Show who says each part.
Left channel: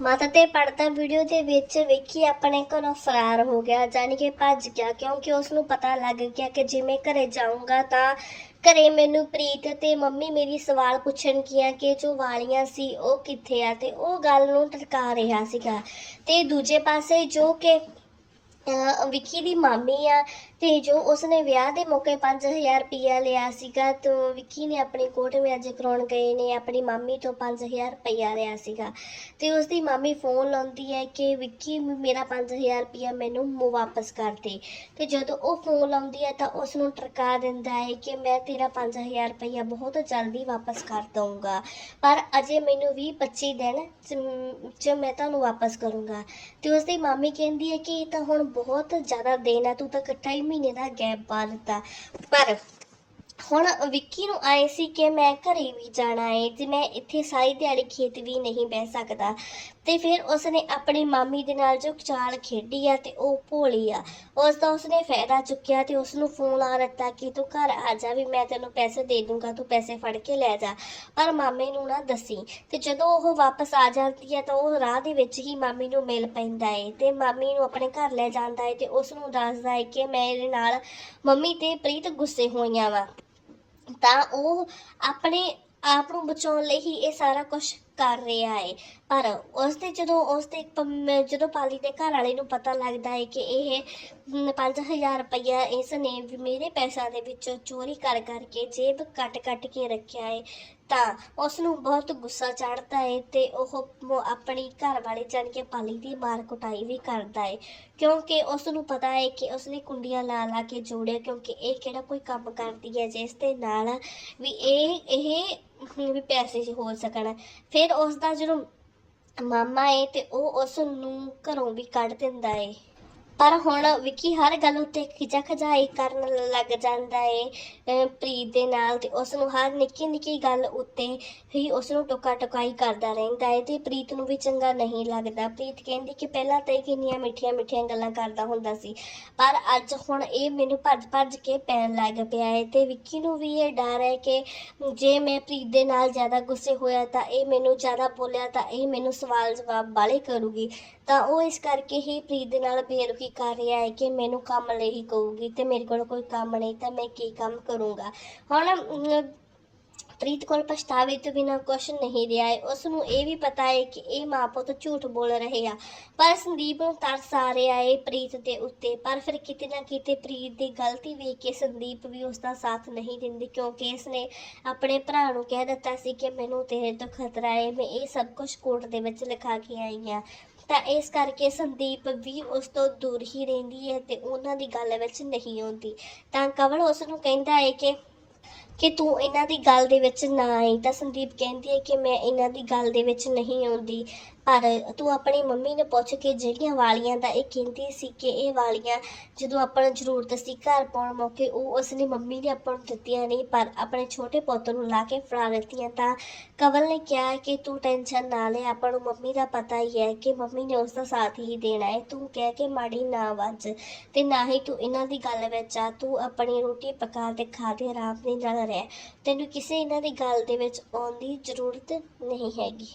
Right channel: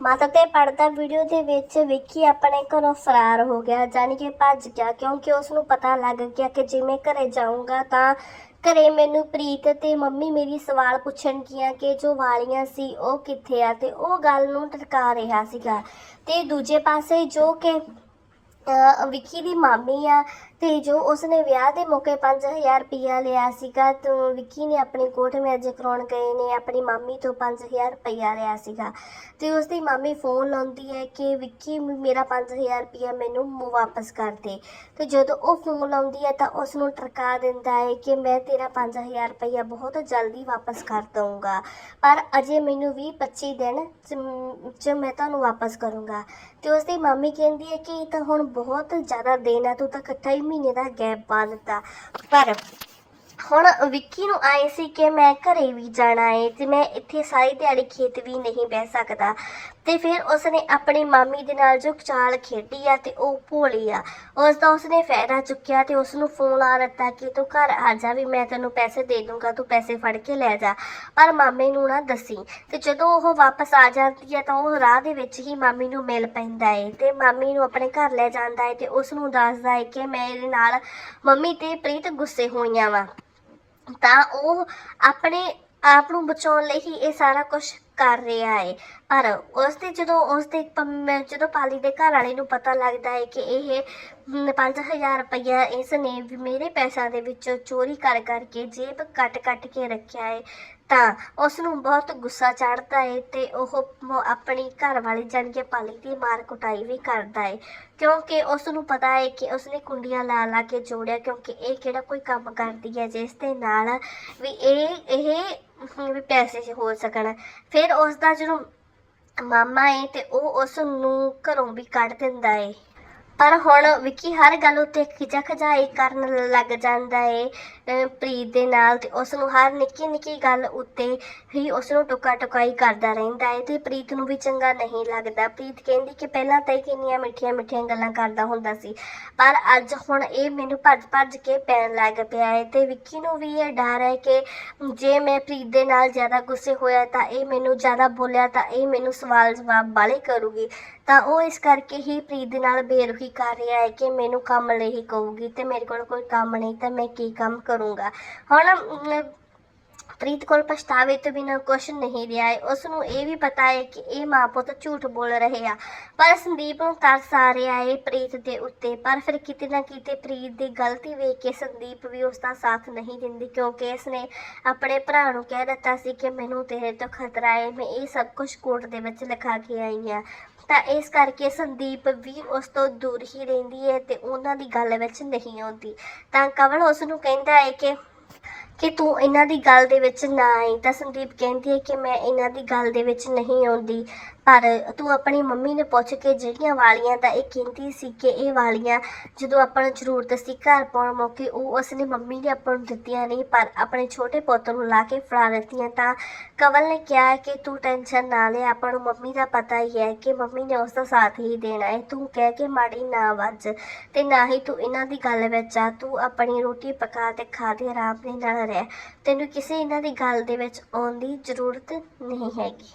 Speaker 1: ਮਾਤਾ ਤੇ ਪੜਦਾ ਵੀਡੀਓ ਦੇ ਵਿੱਚ ਵੇਖੀ ਆਪਣੇ ਘਰੋਂ ਫਰਾਰ ਹੋ ਗਿਆ, ਜਾਣੀ ਕਿ ਭੱਜ ਗਿਆ, ਕਿਉਂਕਿ ਉਸ ਨੂੰ ਪਤਾ ਲੱਗ ਗਿਆ ਕਿ ਜੇ ਮੈਂ ਘਰੇ ਜਾਊਂਗਾ ਤਾਂ ਘਰੇ ਮੈਨੂੰ ਪ੍ਰੀਤ ਤੇ ਮੰਮੀ ਮੇਰੀ ਸਵਾਲ ਪੁੱਛਣਗੀਆਂ ਕਿ ਜੋ ਵਾਲੀਆਂ ਸੀ ਉਹ ਕਿੱਥੇ ਆ, ਤੇ ਉਹ ਗੱਲ ਨੂੰ ਟਰਕਾ ਰਿਹਾ ਸੀਗਾ। ਤੇ ਦੂਜੇ ਪਾਸੇ ਜੋ ਕਿ ਵਿੱਕੀ ਦੀ ਮਾਮੀ ਆ ਤੇ ਜੋ ਉਸਨੇ ਵਿਆਹ ਦੇ ਮੌਕੇ 5000 ਰੁਪਇਆ ਲਿਆ ਸੀਗਾ, ਤੇ ਵਿੱਕੀ ਨੇ ਆਪਣੀ ਕੋਰਟ ਮੈਰਿਜ ਕਰਾਉਣ ਗਏ ਨੇ, ਆਪਣੀ ਮਾਮੀ ਤੋਂ 5000 ਰੁਪਇਆ ਲਿਆ ਸੀਗਾ। ਤੇ ਉਸਦੀ ਮਾਮੀ ਫੋਨ ਲਾਉਂਦੀ ਹੈ ਕਿ ਵਿੱਕੀ, ਮੇਰਾ 5000 ਰੁਪਇਆ ਮੈਨੂੰ ਮੁ- ਵਾਪਸ ਕਰ ਦੇ। ਤੇ ਜਦੋਂ ਉਹ ਫੋਨ ਲਾਉਂਦੀ ਹੈ ਤਾਂ ਉਸ ਨੂੰ ਟਰਕਾ ਦਿੰਦਾ ਹੈ ਕਿ ਮੈਂ ਤੇਰਾ 5000 ਰੁਪਇਆ ਬਹੁਤ ਜਲਦੀ ਵਾਪਸ ਕਰ ਦਊਂਗਾ। ਪਰ ਅਜੇ ਮੈਨੂੰ 20 25 ਦਿਨ ਚ- ਚ ਮੈਂ ਤੁਹਾਨੂੰ ਵਾਪਸ ਕਰੂੰਗਾ। ਤੇ ਉਸਦੀ ਮਾਮੀ ਕਹਿੰਦੀ ਹੈ ਕਿ ਇਹ ਤਾਂ ਹੁਣ ਬਹੁਤ ਜ਼ਿਆਦਾ ਦੇਣ ਆ ਤੂੰ ਤਾਂ ਇਕੱਠਾ ਹੀ ਮਹੀਨੇ ਦਾ ਗੈਪ ਪਾ ਦਿੱਤਾ। ਪਰ ਹੁਣ ਵਿੱਕੀ ਨੂੰ ਆਏ ਸੀ ਕਿ ਮੈਂ ਘਰੇ ਵੀ ਜਾਣਾ ਏ ਤੇ ਮੈਂ ਇੱਥੇ ਸਾਰੀ ਦਿਹਾੜੀ ਖੇਤ ਵੀ ਨਹੀਂ ਬਹਿ ਸਕਦਾ। ਤੇ ਫਿਰ ਉਸਨੇ ਆਪਣੇ ਮਾਮੀ ਦੇ ਨਾਲ ਜੋ ਚਾਲ ਖੇਡੀ ਆ ਤੇ ਉਹ ਭੋਲੀ ਆ। ਉਸ ਦਾ ਉਸਨੇ ਫਾਇਦਾ ਚੁੱਕਿਆ ਤੇ ਉਸ ਨੂੰ ਫੋਨ ਆ ਦਿੱਤਾ ਕਿ ਤੂੰ ਘਰ ਆ ਜਾ ਵੀ ਮੈਂ ਤੈਨੂੰ ਪੈਸੇ ਦੇ ਦੂੰਗਾ, ਤੂੰ ਪੈਸੇ ਫੜ ਕੇ ਲੈ ਜਾ। ਪਰ ਮਾਮੇ ਨੂੰ ਨਾ ਦੱਸੀ ਤੇ ਜਦੋਂ ਉਹ ਵਾਪਸ ਆ ਜਾਂਦੀ ਹੈ ਤਾਂ ਉਹ ਰਾਹ ਦੇ ਵਿੱਚ ਹੀ ਮਾਮੀ ਨੂੰ ਮਿਲ ਪੈਂਦਾ ਹੈ ਤੇ ਮਾਮੀ ਨੂੰ ਆਪਣੇ ਘਰ ਲੈ ਜਾਂਦਾ ਹੈ ਤੇ ਉਸ ਨੂੰ ਦੱਸਦਾ ਹੈ ਕਿ ਮੇਰੇ ਨਾਲ ਮੰਮੀ ਤੇ ਪ੍ਰੀਤ ਗੁੱਸੇ ਹੋਈਆਂ ਵਾ। ਤਾਂ ਉਹ ਆਪਣੇ ਆਪ ਨੂੰ ਬਚਾਉਣ ਲਈ ਹੀ ਇਹ ਸਾਰਾ ਕੁਝ ਕਰ ਰਿਹਾ ਹੈ ਪਰ ਉਸ ਤੇ ਜਦੋਂ ਉਸ ਤੇ ਪਮ- ਜਦੋਂ ਪਾਲੀ ਦੇ ਘਰ ਵਾਲੇ ਨੂੰ ਪਤਾ ਲੱਗਦਾ ਹੈ ਕਿ ਇਹ ਮ, 5000 ਰੁਪਇਆ ਇਸ ਨੇ ਮੇਰੇ ਪੈਸਿਆਂ ਦੇ ਵਿੱਚੋਂ ਚੋਰੀ ਕਰ ਕਰਕੇ ਜੇਬ ਕੱਟ ਕੱਟ ਕੇ ਰੱਖਿਆ ਹੈ ਤਾਂ ਉਸ ਨੂੰ ਬਹੁਤ ਗੁੱਸਾ ਚੜ੍ਹਦਾ ਹੈ ਤੇ ਉਹ ਆਪਣੀ ਘਰ ਵਾਲੀ ਜਾਣੀ ਕਿ ਪਾਲੀ ਦੀ ਮਾਰ ਕੁਟਾਈ ਵੀ ਕਰਦਾ ਹੈ ਕਿਉਂਕਿ ਉਸ ਨੂੰ ਪਤਾ ਹੈ ਕਿ ਉਸਨੇ ਕੁੰਡੀਆਂ ਲਾ ਲਾ ਕੇ ਜੋੜਿਆ ਕਿਉਂਕਿ ਇਹ ਕਿਹੜਾ ਕੋਈ ਕੰਮ ਕਰਦੀ ਹੈ ਜਿਸ ਦੇ ਨਾਲ ਵੀ ਇਹ ਇਹ ਵੀ ਪੈਸੇ 'ਚ ਹੋ ਸਕਣ। ਫਿਰ ਉਸ ਦਾ ਜਦੋਂ ਮਾਮਾ ਏ ਤੇ ਉਹ ਉਸ ਨੂੰ ਘਰੋਂ ਵੀ ਕੱਢ ਦਿੰਦਾ ਏ। ਪਰ ਹੁਣ ਵਿੱਕੀ ਹਰ ਗੱਲ ਉੱਤੇ ਖਿਜਾ ਖਜਾਈ ਕਰਨ ਲੱਗ ਜਾਂਦਾ ਏ ਪ੍ਰੀਤ ਦੇ ਨਾਲ ਤੇ ਉਸ ਨੂੰ ਹਰ ਨਿੱਕੀ ਨਿੱਕੀ ਗੱਲ ਉੱਤੇ ਹੀ ਉਸ ਨੂੰ ਟੁਕਾ ਟੁਕਾਈ ਕਰਦਾ ਰਹਿੰਦਾ ਏ ਤੇ ਪ੍ਰੀਤ ਨੂੰ ਵੀ ਚੰਗਾ ਨਹੀਂ ਲੱਗਦਾ। ਪ੍ਰੀਤ ਕਹਿੰਦੀ ਕਿ ਪਹਿਲਾਂ ਤਾਂ ਇਹ ਕਿੰਨੀਆਂ ਮਿੱਠੀਆਂ ਮਿੱਠੀਆਂ ਗੱਲਾਂ ਕਰਦਾ ਹੁੰਦਾ ਸੀ, ਪਰ ਅੱਜ ਹੁਣ ਇਹ ਮੈਨੂੰ ਭੱਜ ਭੱਜ ਕੇ ਪੈਣ ਲੱਗ ਪਿਆ ਏ ਤੇ ਵਿੱਕੀ ਨੂੰ ਵੀ ਇਹ ਡਰ ਹੈ ਕਿ ਜੇ ਮੈਂ ਪ੍ਰੀਤ ਦੇ ਨਾਲ ਜ਼ਿਆਦਾ ਗੁੱਸੇ ਹੋਇਆ ਤਾਂ ਇਹ ਮੈਨੂੰ ਜ਼ਿਆਦਾ ਬੋਲਿਆ ਤਾਂ ਇਹ ਮੈਨੂੰ ਸਵਾਲ ਜਵਾਬ ਵਾਲੇ ਕਰੂਗੀ। ਤਾਂ ਉਹ ਇਸ ਕਰਕੇ ਹੀ ਪ੍ਰੀਤ ਦੇ ਨਾਲ ਬੇਰੁਖੀ ਕਰ ਰਿਹਾ ਹੈ ਕਿ ਮੈਨੂੰ ਕੰਮ ਲਈ ਹੀ ਕਹੂਗੀ ਤੇ ਮੇਰੇ ਕੋਲ ਕੋਈ ਕੰਮ ਨਹੀਂ ਤਾਂ ਮੈਂ ਕੀ ਕੰਮ ਕਰੂੰਗਾ। ਹੁਣ ਪ੍ਰੀਤ ਕੋਲ ਪਛਤਾਵੇ ਤੋਂ ਬਿਨਾ ਕੁਝ ਨਹੀਂ ਰਿਹਾ ਹੈ। ਉਸ ਨੂੰ ਇਹ ਵੀ ਪਤਾ ਹੈ ਕਿ ਇਹ ਮਾਂ ਪੁੱਤ ਝੂਠ ਬੋਲ ਰਹੇ ਆ। ਪਰ ਸੰਦੀਪ ਨੂੰ ਤਰਸ ਆ ਰਿਹਾ ਹੈ ਪ੍ਰੀਤ ਦੇ ਉੱਤੇ। ਪਰ ਫਿਰ ਕਿਤੇ ਨਾ ਕਿਤੇ ਪ੍ਰੀਤ ਦੀ ਗਲਤੀ ਵੇਖ ਕੇ ਸੰਦੀਪ ਵੀ ਉਸ ਦਾ ਸਾਥ ਨਹੀਂ ਦਿੰਦੀ ਕਿਉਂਕਿ ਇਸਨੇ ਆਪਣੇ ਭਰਾ ਨੂੰ ਕਹਿ ਦਿੱਤਾ ਸੀ ਕਿ ਮੈਨੂੰ ਤੇਰੇ ਤੋਂ ਖਤਰਾ ਹੈ। ਮੈਂ ਇਹ ਸਭ ਕੁਝ ਕੋਰਟ ਦੇ ਵਿੱਚ ਲਿਖਾ ਕੇ ਆਈ ਹਾਂ। ਤਾਂ ਇਸ ਕਰਕੇ ਸੰਦੀਪ ਵੀ ਉਸ ਤੋਂ ਦੂਰ ਹੀ ਰਹਿੰਦੀ ਹੈ ਤੇ ਉਹਨਾਂ ਦੀ ਗੱਲ ਵਿੱਚ ਨਹੀਂ ਆਉਂਦੀ। ਤਾਂ ਕਵਲ ਉਸ ਨੂੰ ਕਹਿੰਦਾ ਹੈ ਕਿ ਕਿ ਤੂੰ ਇਹਨਾਂ ਦੀ ਗੱਲ ਦੇ ਵਿੱਚ ਨਾ ਆਈ। ਤਾਂ ਸੰਦੀਪ ਕਹਿੰਦੀ ਹੈ ਕਿ ਮੈਂ ਇਹਨਾਂ ਦੀ ਗੱਲ ਦੇ ਵਿੱਚ ਨਹੀਂ ਆਉਂਦੀ। ਪਰ ਤੂੰ ਆਪਣੀ ਮੰਮੀ ਨੇ ਪੁੱਛ ਕੇ ਜਿਹੜੀਆਂ ਵਾਲੀਆਂ ਦਾ ਇਹ ਕਹਿੰਦੀ ਸੀ ਕਿ ਇਹ ਵਾਲੀਆਂ ਜਦੋਂ ਆਪਾਂ ਨੂੰ ਜ਼ਰੂਰਤ ਸੀ ਘਰ ਪਾਉਣ ਮੌਕੇ, ਉਹ ਉਸਨੇ ਮੰਮੀ ਨੇ ਆਪਾਂ ਨੂੰ ਦਿੱਤੀਆਂ ਨਹੀਂ, ਪਰ ਆਪਣੇ ਛੋਟੇ ਪੁੱਤ ਨੂੰ ਲਾ ਕੇ ਫੜਾ ਦਿੱਤੀਆਂ ਤਾਂ ਕਵਲ ਨੇ ਕਿਹਾ ਕਿ ਤੂੰ ਟੈਨਸ਼ਨ ਨਾ ਲੈ, ਆਪਾਂ ਨੂੰ ਮੰਮੀ ਦਾ ਪਤਾ ਹੀ ਹੈ ਕਿ ਮੰਮੀ ਨੇ ਉਸ ਦਾ ਸਾਥ ਹੀ ਦੇਣਾ ਹੈ। ਤੂੰ ਕਹਿ ਕੇ ਮਾੜੀ ਨਾ ਵੱਜ ਤੇ ਨਾ ਹੀ ਤੂੰ ਇਹਨਾਂ ਦੀ ਗੱਲ ਵਿੱਚ ਆ, ਤੂੰ ਆਪਣੀ ਰੋਟੀ ਪਕਾ ਤੇ ਖਾ ਦੇ, ਆਰਾਮ ਦੇ ਨਾਲ ਰਹਿ। ਤੈਨੂੰ ਕਿਸੇ ਇਹਨਾਂ ਦੀ ਗੱਲ ਦੇ ਵਿੱਚ ਆਉਣ ਦੀ ਜ਼ਰੂਰਤ ਨਹੀਂ ਹੈਗੀ।